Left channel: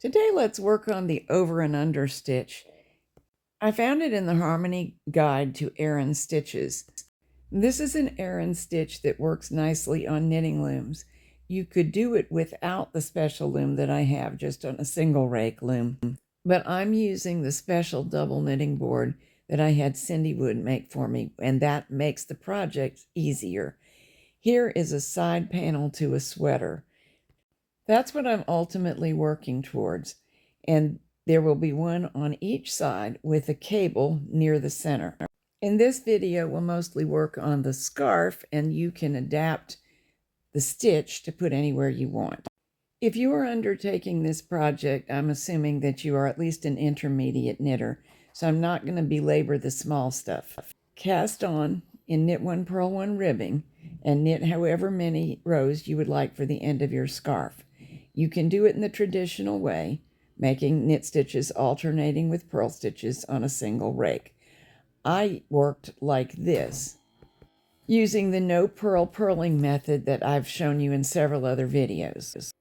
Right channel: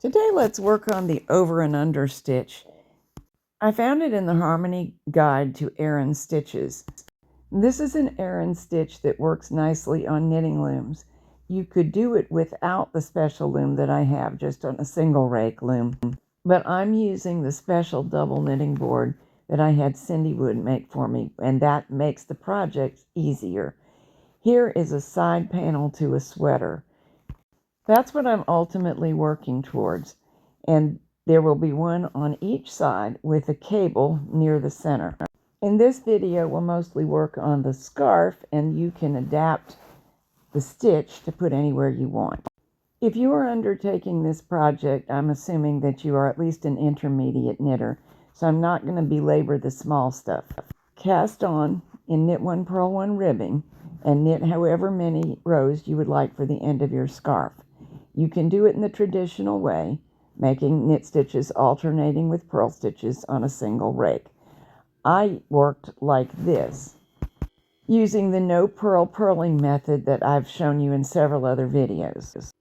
Today let's work on the over and under stitch. I found it in the Harmony Guide to Aran Stitches. This is an aran stitch that works nicely on knitting looms. You could do it without the special loom that I have, just on a single rake loom. But I'm using the special double knitting board that I had Cindy Wood make for me, and that makes the project easier. Here is a side panel to a sweater. That's what I'm ultimately working towards, and there will be one on each side with a cable near the center. In this video, we'll mostly work on the scarf, and you can adapt the stitch to put anywhere you want. If you are undertaking this project, I'm assuming that you are at least an intermediate knitter, so I'm not going to belabor the small stuff. Cast on in knit 1 purl 1 ribbing and knit however many rows you would like for the end of your scarf. You can do it in the traditional way, making knit stitches alternating with purl stitches on a single rake. I worked like this, using the no-purl purling method that I've shown you in several other videos.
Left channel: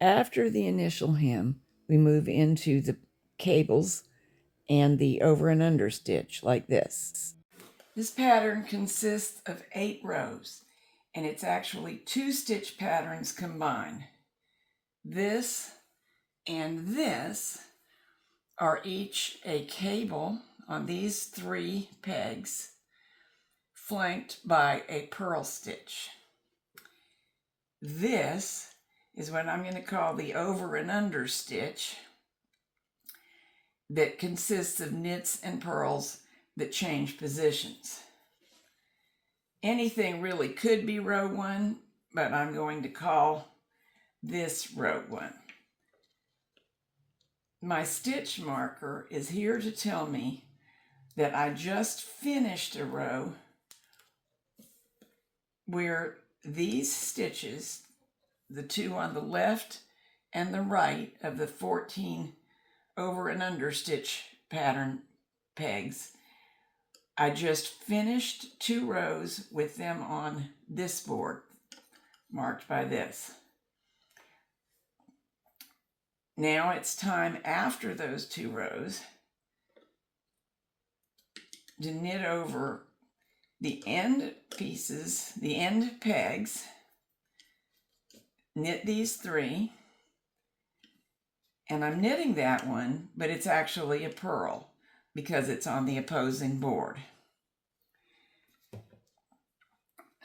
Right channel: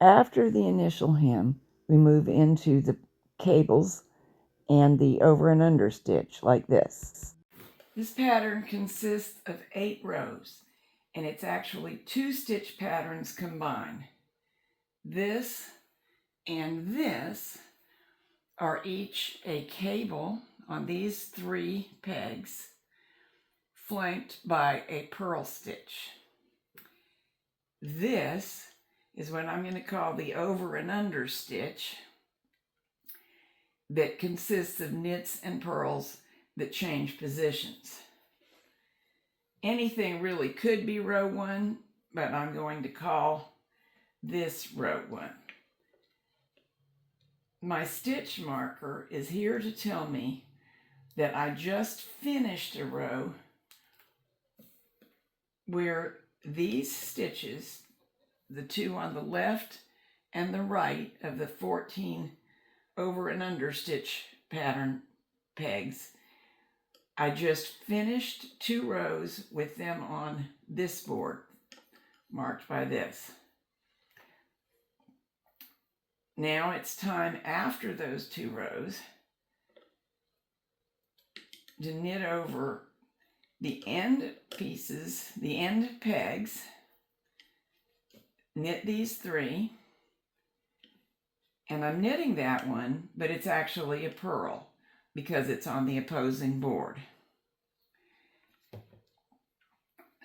After the initial hem, we move into the cables and the over and under stitch like this. This pattern consists of 8 rows, and it's actually 2 stitch patterns combined. This and this are each a cable on these 3 pegs, flanked by a purl stitch. This is what I'm going to call the over and under stitch, that consists of knits and purls that change positions. Anything really could be row 1, but I'm going to call this row 1. My stitch marker is here to tell me that I just finished a row where these stitches, the 2 on the left and the right of the 14 over and under stitch pattern pegs, I just finished 2 rows with them on this board, marked by this. Now it's time after those 2 rows to knit over the end pieces, the end pegs, knit these 3, and I'm knitting that one, but it's actually a purl because it's on the opposing board.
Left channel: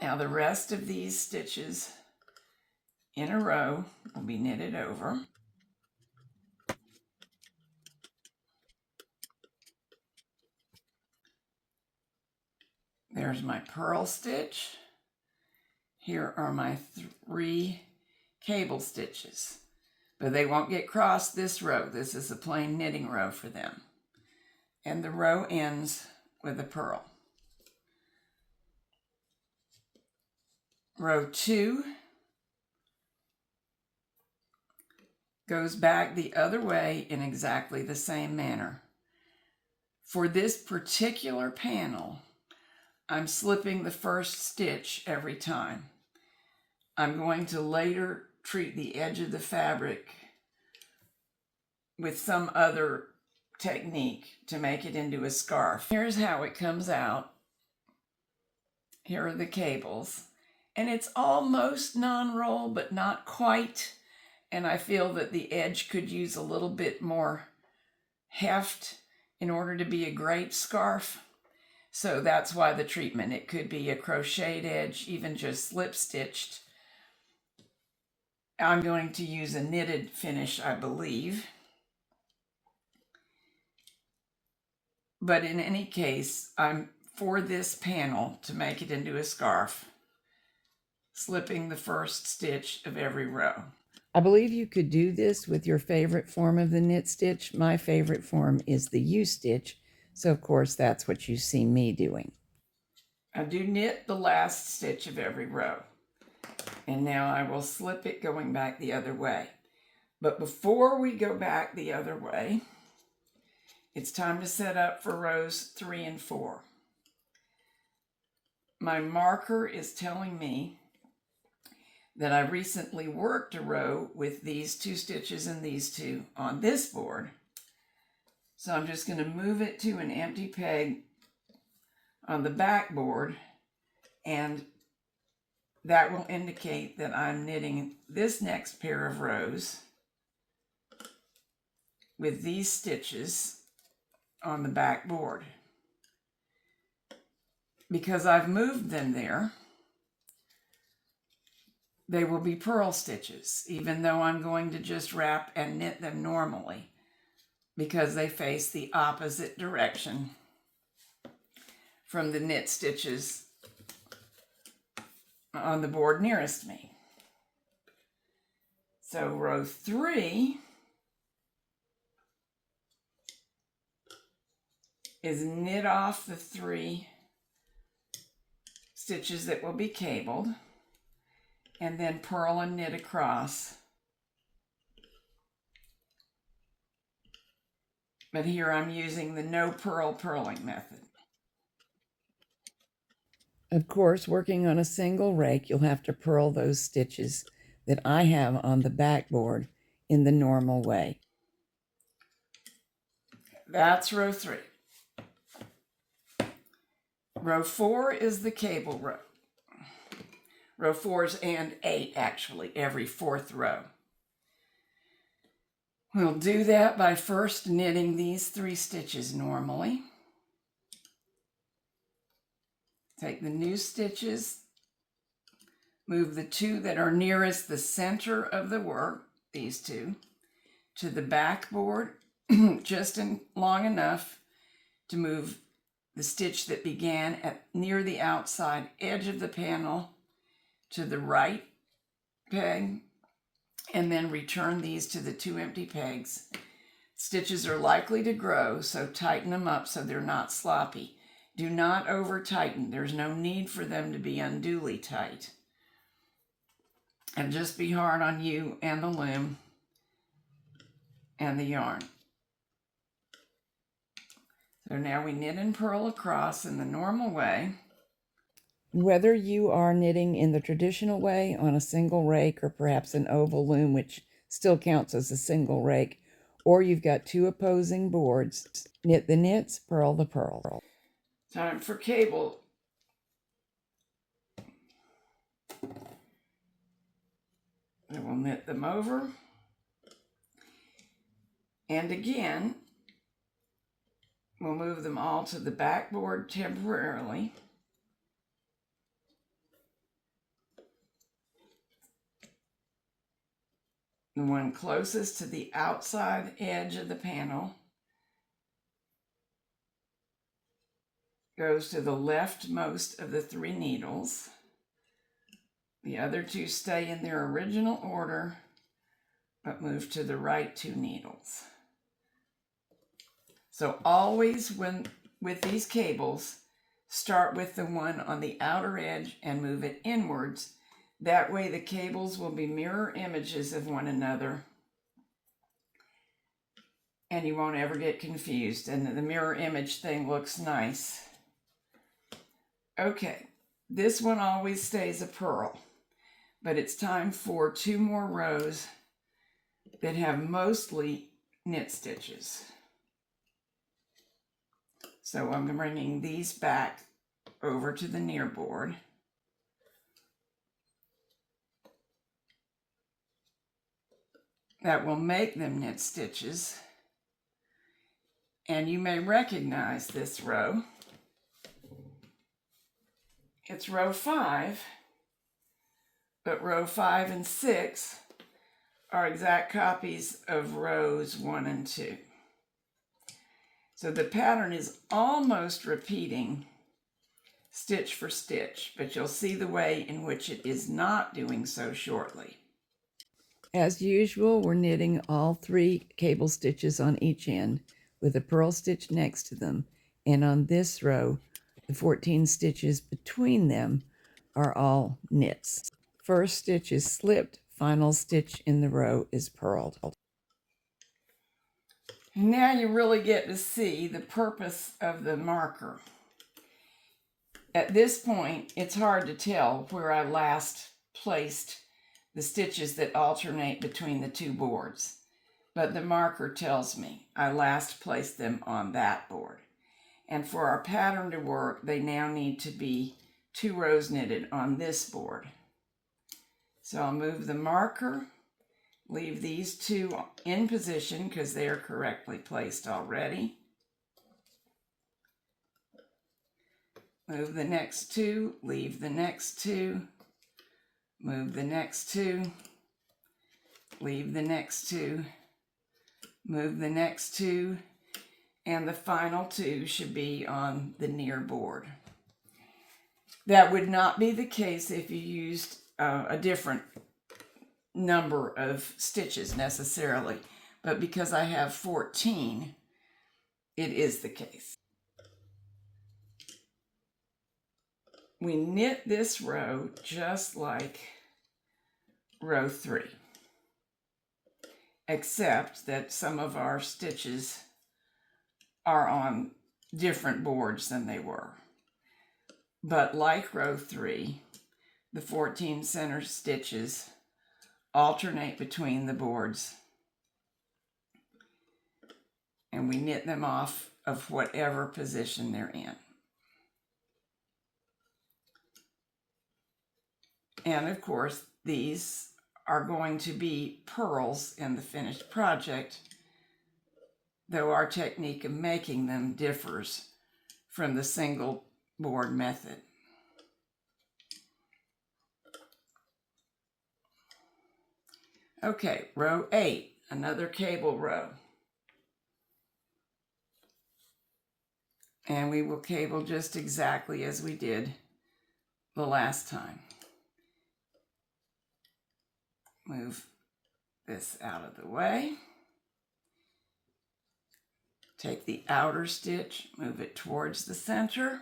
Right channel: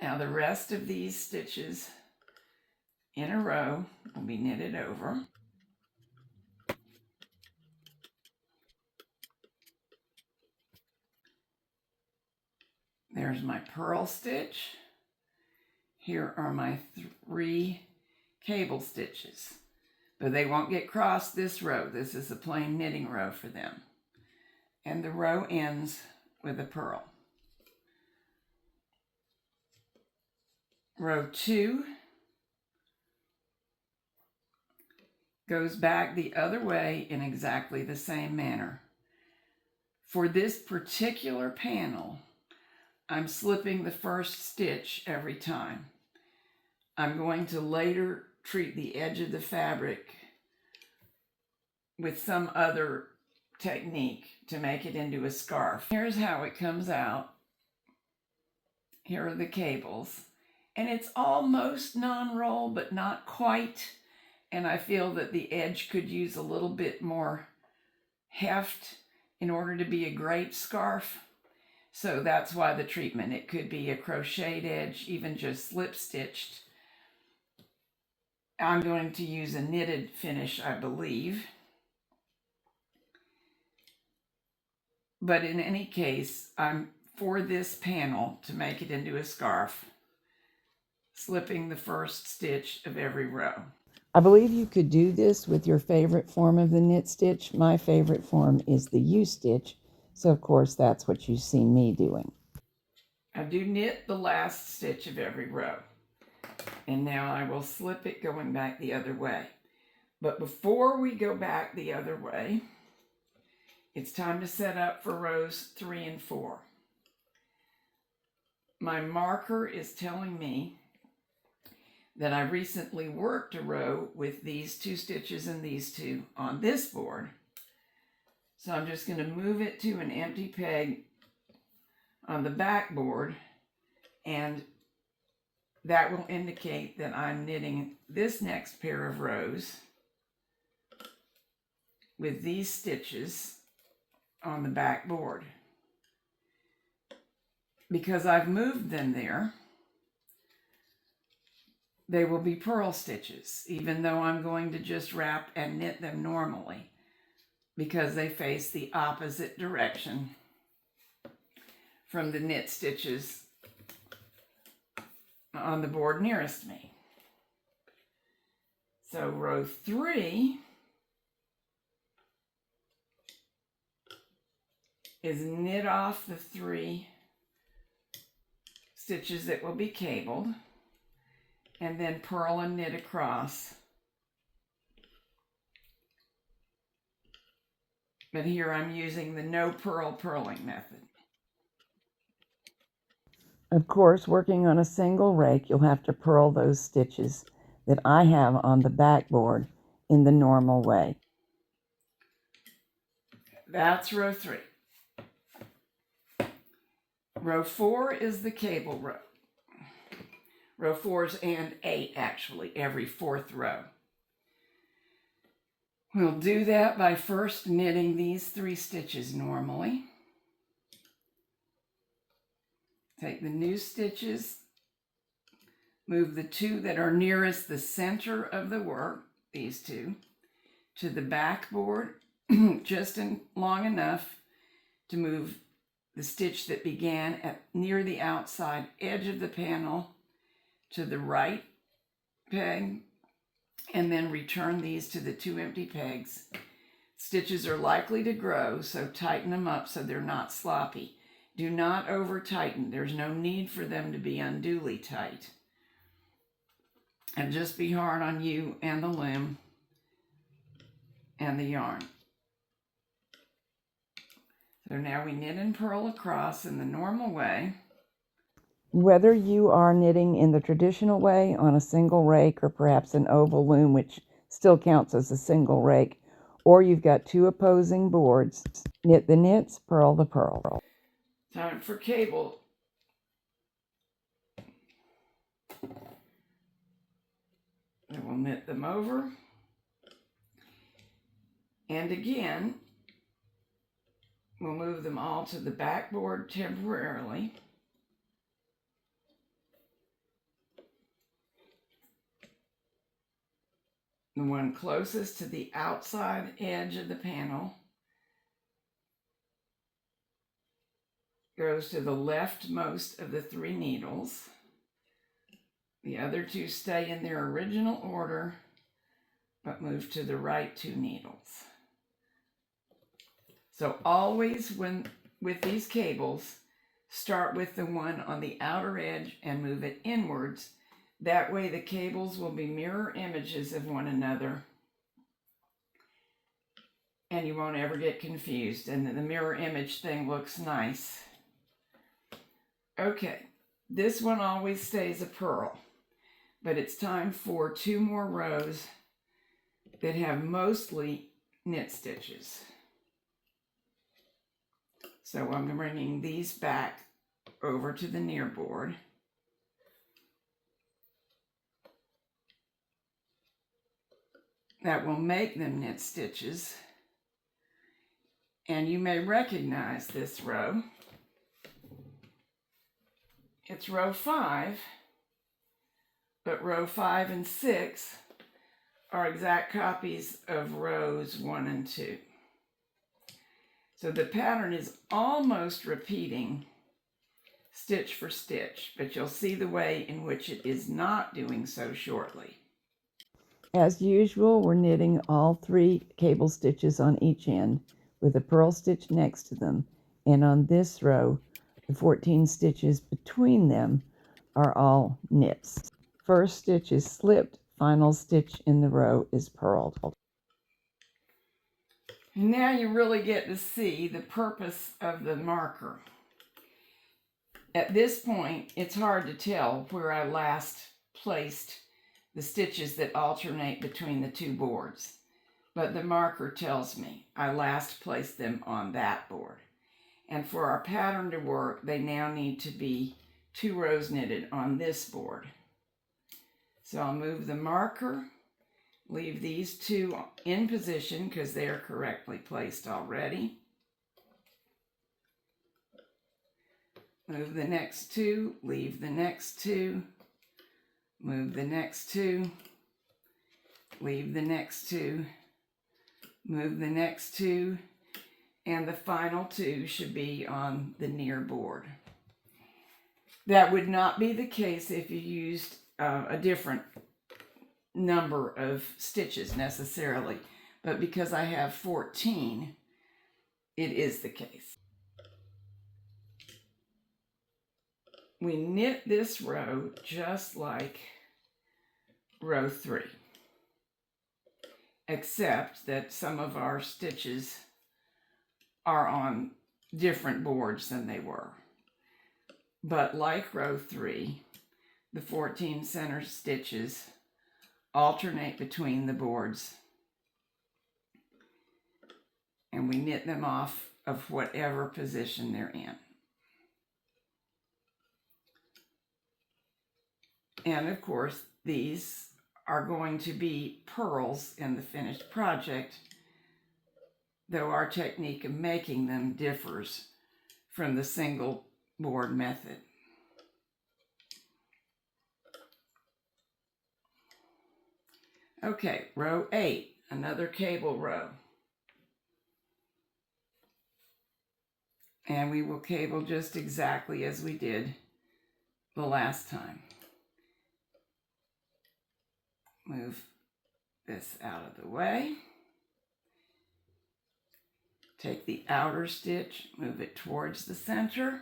Now the rest of these stitches in a row will be knitted over. There's my purl stitch. Here are my 3 cable stitches, but they won't get crossed this row. This is a plain knitting row for them. And the row ends with a purl. Row 2 goes back the other way in exactly the same manner. For this particular panel, I'm slipping the first stitch every time. I'm going to later treat the edge of the fabric with some other technique to make it into a scarf. Here's how it comes out. Here are the cables. And it's almost non-roll, but not quite. And I feel that the edge could use a little bit more heft in order to be a great scarf. So that's why the treatment. It could be a crocheted edge, even just slip stitched. I'm going to use a knitted finish, I believe. But in any case, I'm for this panel to make it into a scarf, slipping the first stitch of every row. I believe you could do this with your favorite form of the knit stitch. My favorite form is the U-stitch, so of course that's what you see me doing. I do knit the last stitch of every row, and now I will slip it going back the other way. But before we go back the other way, it's time to set up for rows 3 and 4. My marker is telling me that I recently worked a row with these 2 stitches and these 2 on this board. So I'm just going to move it to an empty peg on the back board, and that will indicate that I'm knitting this next pair of rows with these stitches on the back board. Because I've moved them there, they will be purl stitches, even though I'm going to just wrap and knit them normally, because they face the opposite direction from the knit stitches on the board nearest me. So row 3 is knit off the 3 stitches that will be cabled, and then purl and knit across. But here I'm using the no-purl purling method. Of course, working on a single rake, you'll have to purl those stitches that I have on the backboard in the normal way. That's row 3. Row 4 is the cable row. Row 4s and 8, actually, every 4th row. We'll do that by first knitting these 3 stitches normally. Take the new stitches, move the 2 that are nearest the center of the work, these 2, to the backboard, just long enough to move the stitch that began near the outside edge of the panel to the right peg, and then return these to the 2 empty pegs. Stitches are likely to grow, so tighten them up so they're not sloppy. Do not over tighten. There's no need for them to be unduly tight. And just be hard on you and the loom and the yarn. So now we knit and purl across in the normal way. Whether you are knitting in the traditional way on a single rake or perhaps an oval loom, which still counts as a single rake, or you've got 2 opposing boards, knit the knits, purl the purl. Time for cable. And we'll knit them over. And again, we'll move them all to the backboard temporarily. The one closest to the outside edge of the panel goes to the leftmost of the 3 needles. The other 2 stay in their original order, but move to the right 2 needles. So always with these cables, start with the one on the outer edge and move it inwards. That way the cables will be mirror images of one another, and you won't ever get confused, and the mirror image thing looks nice. Okay, this one always stays a purl, but it's time for 2 more rows that have mostly knit stitches. So I'm bringing these back over to the near board. That will make them knit stitches. And you may recognize this row. It's row 5, but row 5 and 6 are exact copies of rows 1 and 2. So the pattern is almost repeating stitch for stitch, but you'll see the way in which it is not doing so shortly. As usual, we're knitting all 3 cable stitches on each end with a purl stitch next to them, and on this row, the 14 stitches between them are all knits. First stitch is slipped, final stitch in the row is purled. Now you really get to see the purpose of the marker. At this point, it's hard to tell where I last placed the stitches that alternate between the two boards. But the marker tells me I last placed them on that board. And for our pattern to work, they now need to be 2 rows knitted on this board. So I'll move the marker, leave these 2 in position because they are correctly placed already. Move the next 2, leave the next 2, move the next 2, leave the next 2, move the next 2, and the final 2 should be on the near board. That would not be the case if you used a different number of stitches necessarily, but because I have 14, it is the case. We knit this row just like row 3, except that some of our stitches are on different boards than they were. But like row 3, the 14 center stitches alternate between the boards, and we knit them off of whatever position they're in. And of course, these are going to be purls in the finished project, though our technique of making them differs from the single board method. Okay, row 8, another cable row. And we will cable just exactly as we did the last time. Move this out of the way. Take the outer stitch, move it towards the center.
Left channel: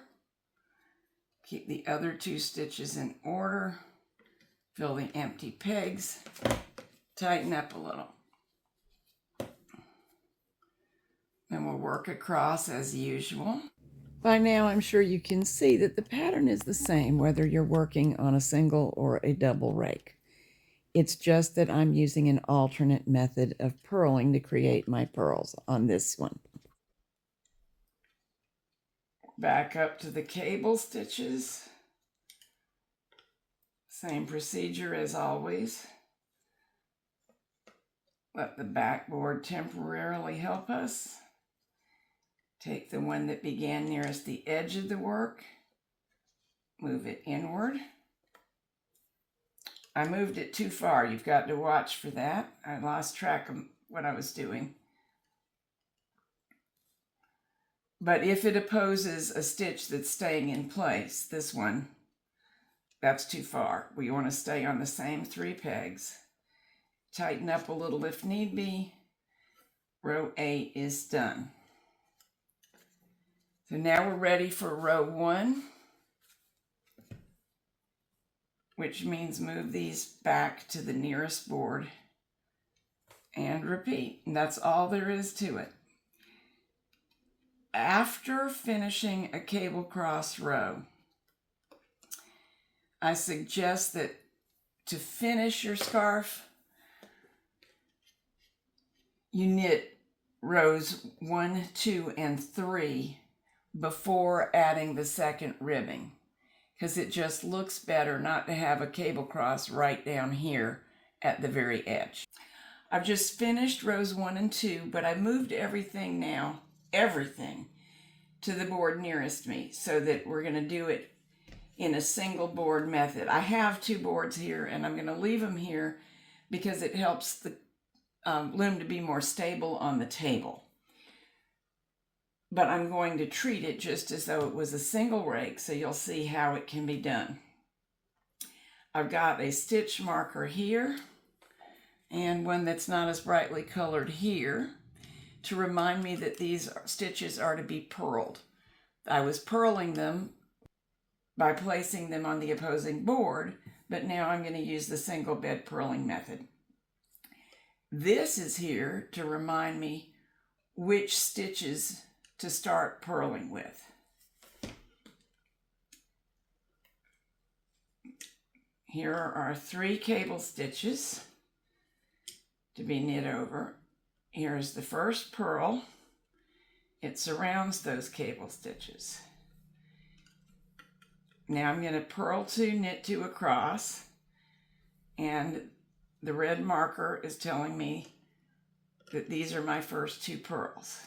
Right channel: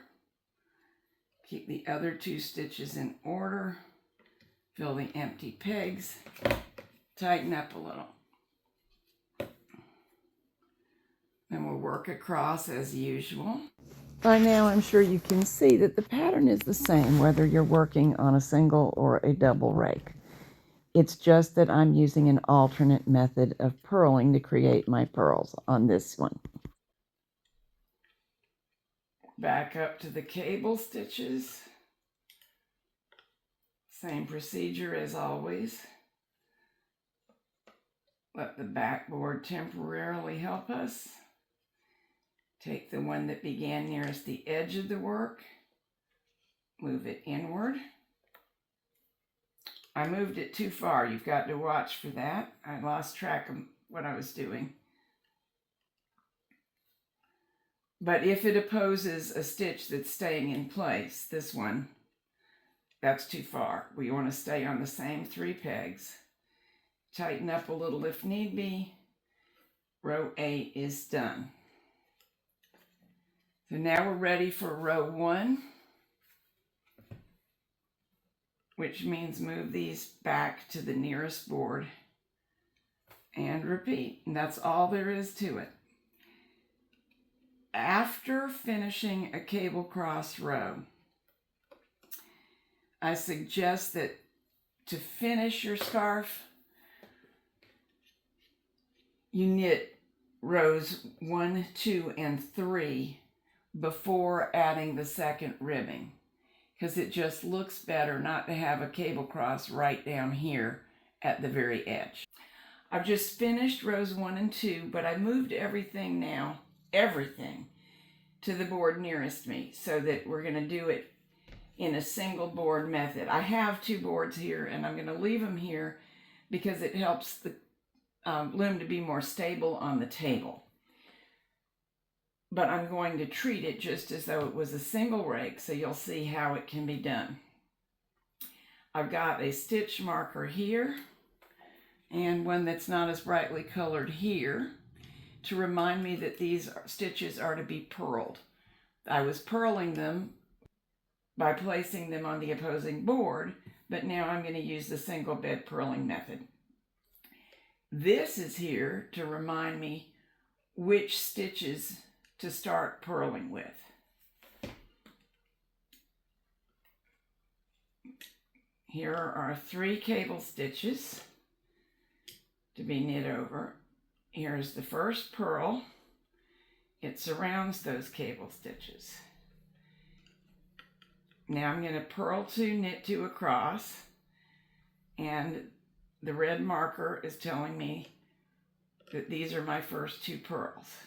Keep the other 2 stitches in order. Fill the empty pegs. Tighten up a little. Then we'll work across as usual. By now, I'm sure you can see that the pattern is the same whether you're working on a single or a double rake. It's just that I'm using an alternate method of purling to create my purls on this one. Back up to the cable stitches. Same procedure as always. Let the backboard temporarily help us. Take the one that began nearest the edge of the work, move it inward. I moved it too far. You've got to watch for that. I lost track of what I was doing. But if it opposes a stitch that's staying in place, this one, that's too far. We want to stay on the same 3 pegs. Tighten up a little if need be. Row 8 is done. So now we're ready for row 1, which means move these back to the nearest board and repeat. And that's all there is to it. After finishing a cable cross row, I suggest that to finish your scarf, you knit rows 1, 2, and 3 before adding the second ribbing, because it just looks better not to have a cable cross right down here at the very edge. I've just finished rows 1 and 2, but I moved everything now, to the board nearest me so that we're going to do it in a single board method. I have 2 boards here, and I'm going to leave them here because it helps the loom to be more stable on the table. But I'm going to treat it just as though it was a single rake, so you'll see how it can be done. I've got a stitch marker here and one that's not as brightly colored here to remind me that these stitches are to be purled. I was purling them by placing them on the opposing board, but now I'm going to use the single bed purling method. This is here to remind me which stitches to start purling with. Here are our 3 cable stitches to be knit over. Here's the first purl. It surrounds those cable stitches. Now I'm going to purl 2, knit 2 across, and the red marker is telling me that these are my first 2 purls.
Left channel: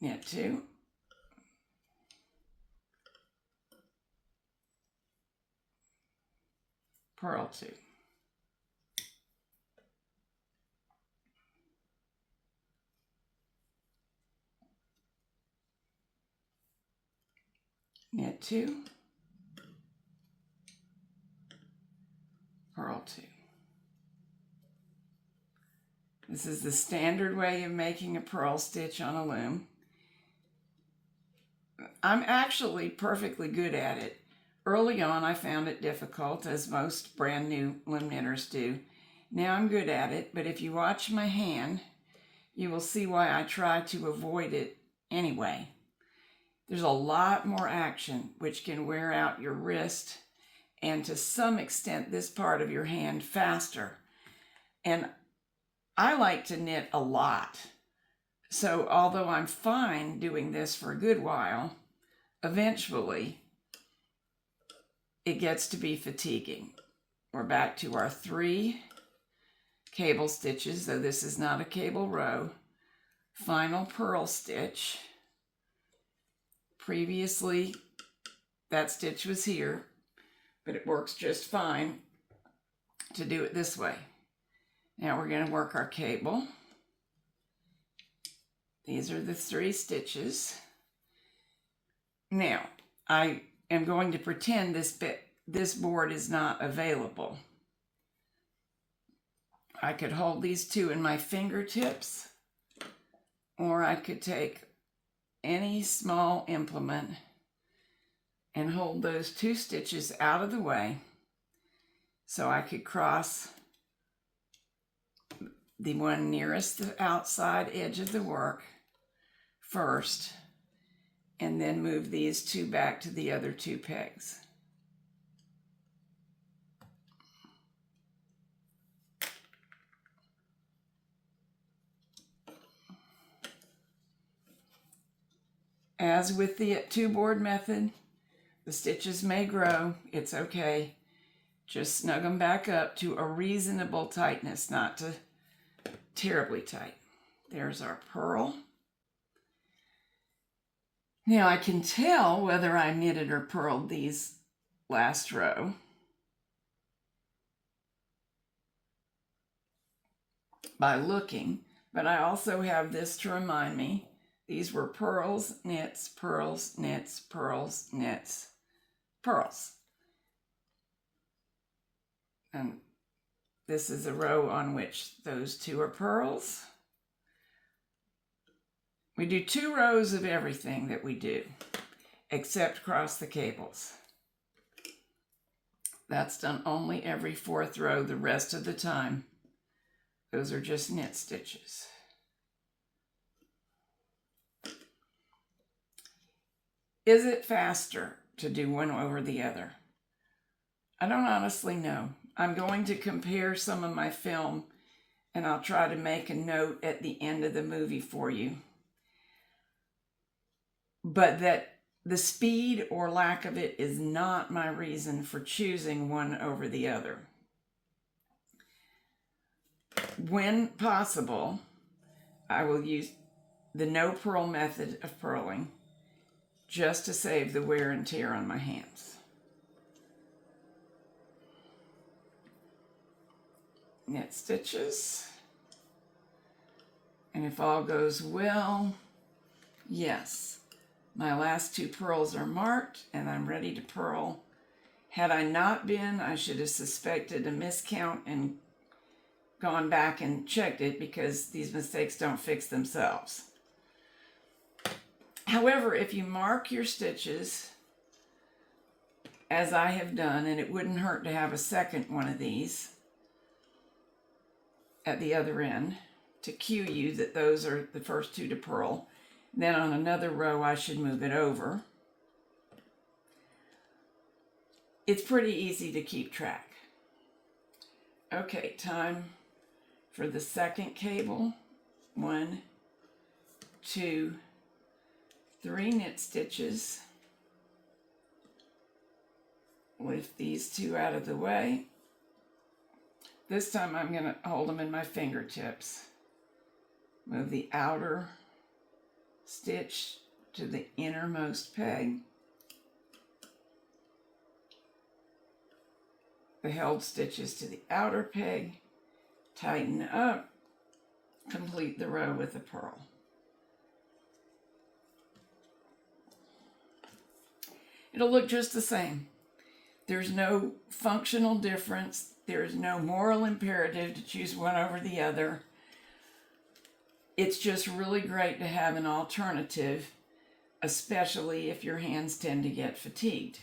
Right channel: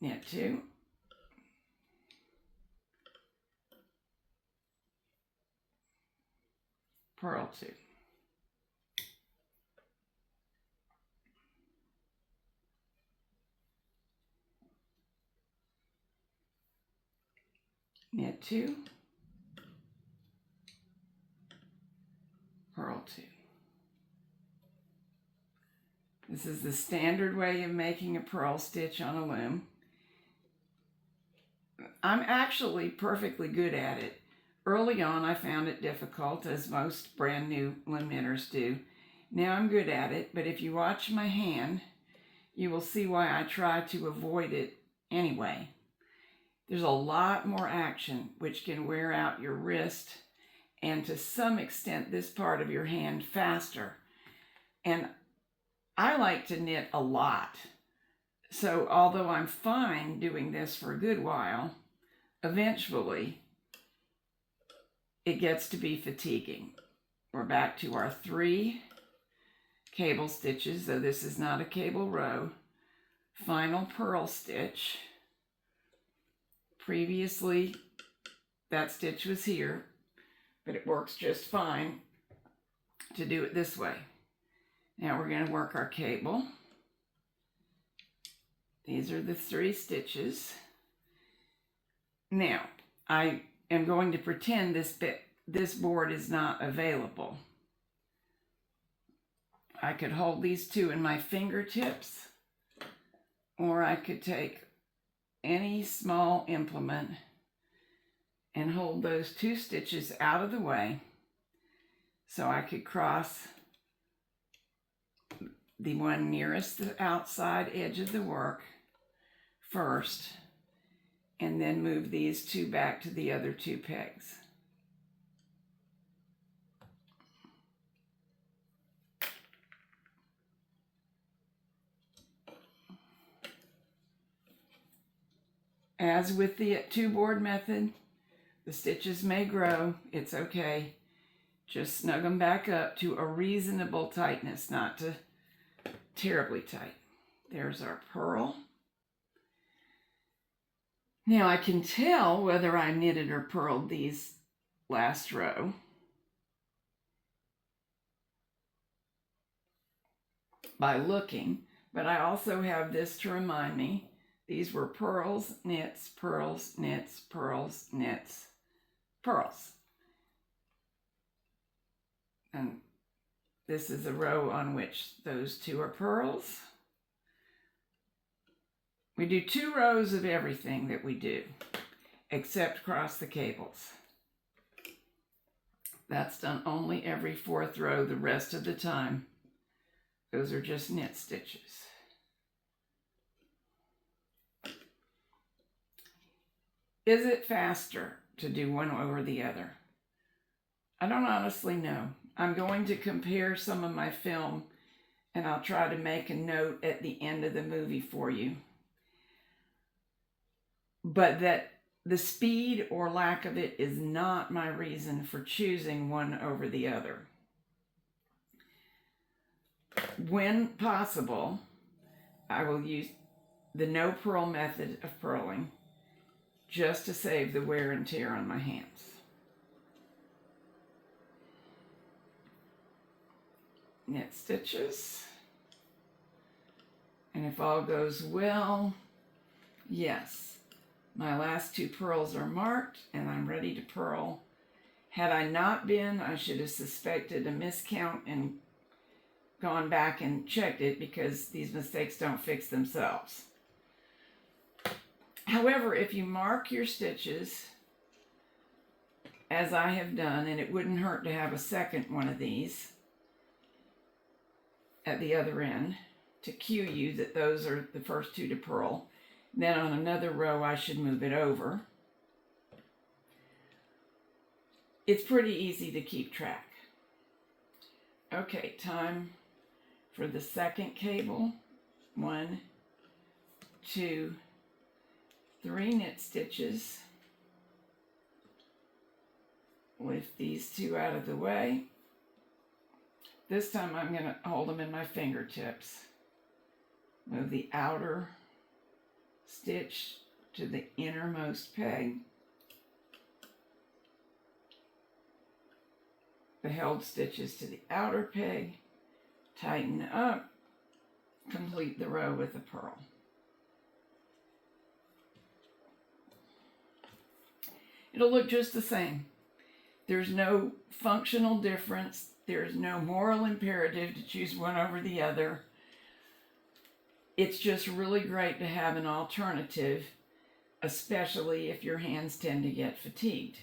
Knit 2, purl 2. Knit 2, purl 2. This is the standard way of making a purl stitch on a loom. I'm actually perfectly good at it. Early on I found it difficult, as most brand new loom knitters do. Now I'm good at it, but if you watch my hand, you will see why I try to avoid it anyway. There's a lot more action, which can wear out your wrist and to some extent this part of your hand faster. And I like to knit a lot. So although I'm fine doing this for a good while, eventually it gets to be fatiguing. We're back to our 3 cable stitches, though this is not a cable row. Final purl stitch. Previously, that stitch was here, but it works just fine to do it this way. Now we're going to work our cable. These are the 3 stitches. Now, I am going to pretend this board is not available. I could hold these 2 in my fingertips, or I could take any small implement and hold those 2 stitches out of the way so I could cross the one nearest the outside edge of the work first, and then move these 2 back to the other 2 pegs. As with the 2-board method, the stitches may grow. It's okay. Just snug them back up to a reasonable tightness, not to terribly tight. There's our purl. Now I can tell whether I knitted or purled these last row by looking, but I also have this to remind me. These were purls, knits, purls, knits, purls, knits, purls. And this is a row on which those 2 are purls. We do 2 rows of everything that we do, except cross the cables. That's done only every 4th row. The rest of the time, those are just knit stitches. Is it faster to do one over the other? I don't honestly know. I'm going to compare some of my film, and I'll try to make a note at the end of the movie for you. But that the speed or lack of it is not my reason for choosing one over the other. When possible, I will use the no-purl method of purling just to save the wear and tear on my hands. Knit stitches. And if all goes well, yes, my last 2 purls are marked and I'm ready to purl. Had I not been, I should have suspected a miscount and gone back and checked it, because these mistakes don't fix themselves. However, if you mark your stitches, as I have done, and it wouldn't hurt to have a second one of these at the other end to cue you that those are the first 2 to purl. Then on another row, I should move it over. it's pretty easy to keep track. Okay, time for the second cable. 1, 2, 3 knit stitches. Lift these 2 out of the way. This time I'm going to hold them in my fingertips. Move the outer stitch to the innermost peg. The held stitches to the outer peg. Tighten up. Complete the row with a purl. It'll look just the same. There's no functional difference. There's no moral imperative to choose one over the other. It's just really great to have an alternative, especially if your hands tend to get fatigued.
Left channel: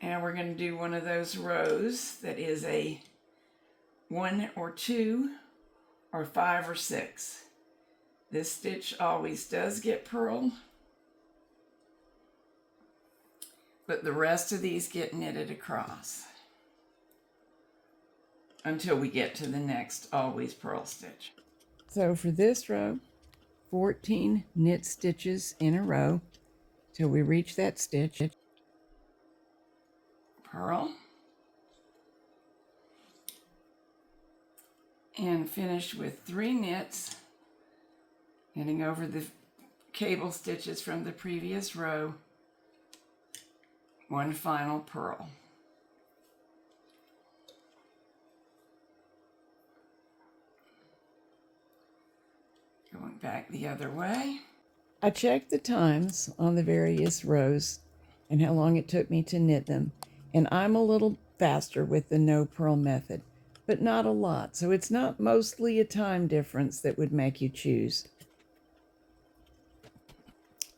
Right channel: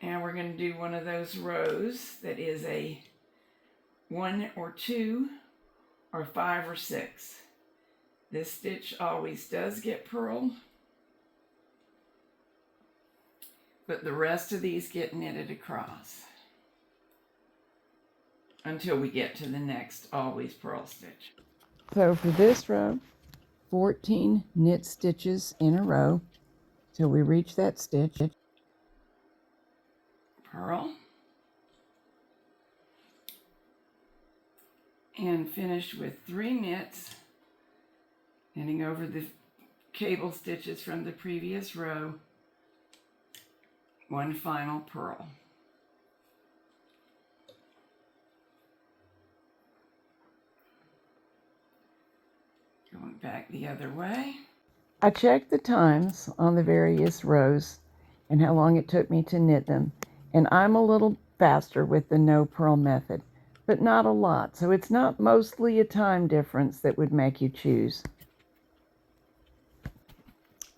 And we're going to do one of those rows that is a 1 or 2 or 5 or 6. This stitch always does get purled, but the rest of these get knitted across until we get to the next always purl stitch. So for this row, 14 knit stitches in a row till we reach that stitch. Purl. And finish with 3 knits, knitting over the cable stitches from the previous row. 1 final purl. Going back the other way. I checked the times on the various rows and how long it took me to knit them, and I'm a little faster with the no-purl method, but not a lot, so it's not mostly a time difference that would make you choose.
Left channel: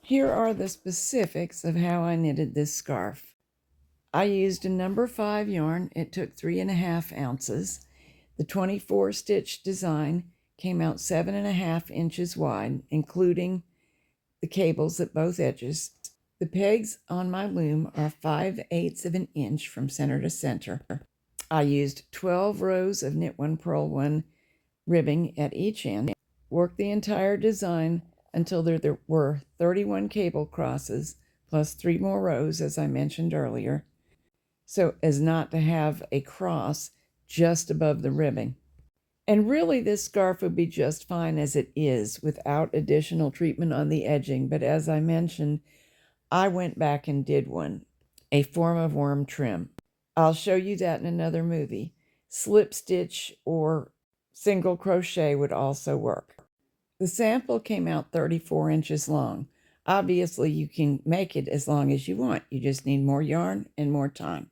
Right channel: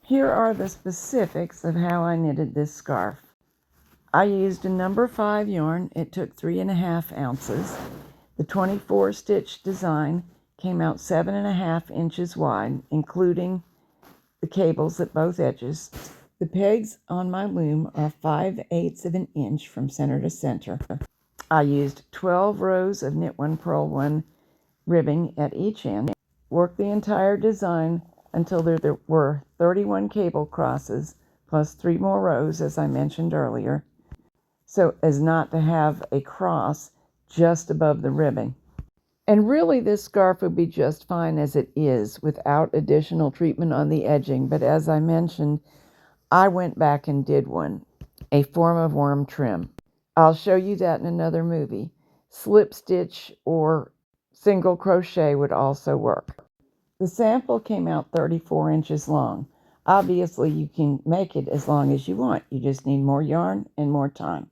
Here are the specifics of how I knitted this scarf. I used a number 5 yarn. It took 3.5 ounces. The 24 stitch design came out 7.5 inches wide, including the cables at both edges. The pegs on my loom are 5/8 of an inch from center to center. I used 12 rows of knit 1 purl 1 ribbing at each end. Worked the entire design until there were 31 cable crosses plus 3 more rows, as I mentioned earlier, so as not to have a cross just above the ribbing. And really this scarf would be just fine as it is without additional treatment on the edging, but as I mentioned, I went back and did one, a form of worm trim. I'll show you that in another movie. Slip stitch or single crochet would also work. The sample came out 34 inches long. Obviously, you can make it as long as you want. You just need more yarn and more time.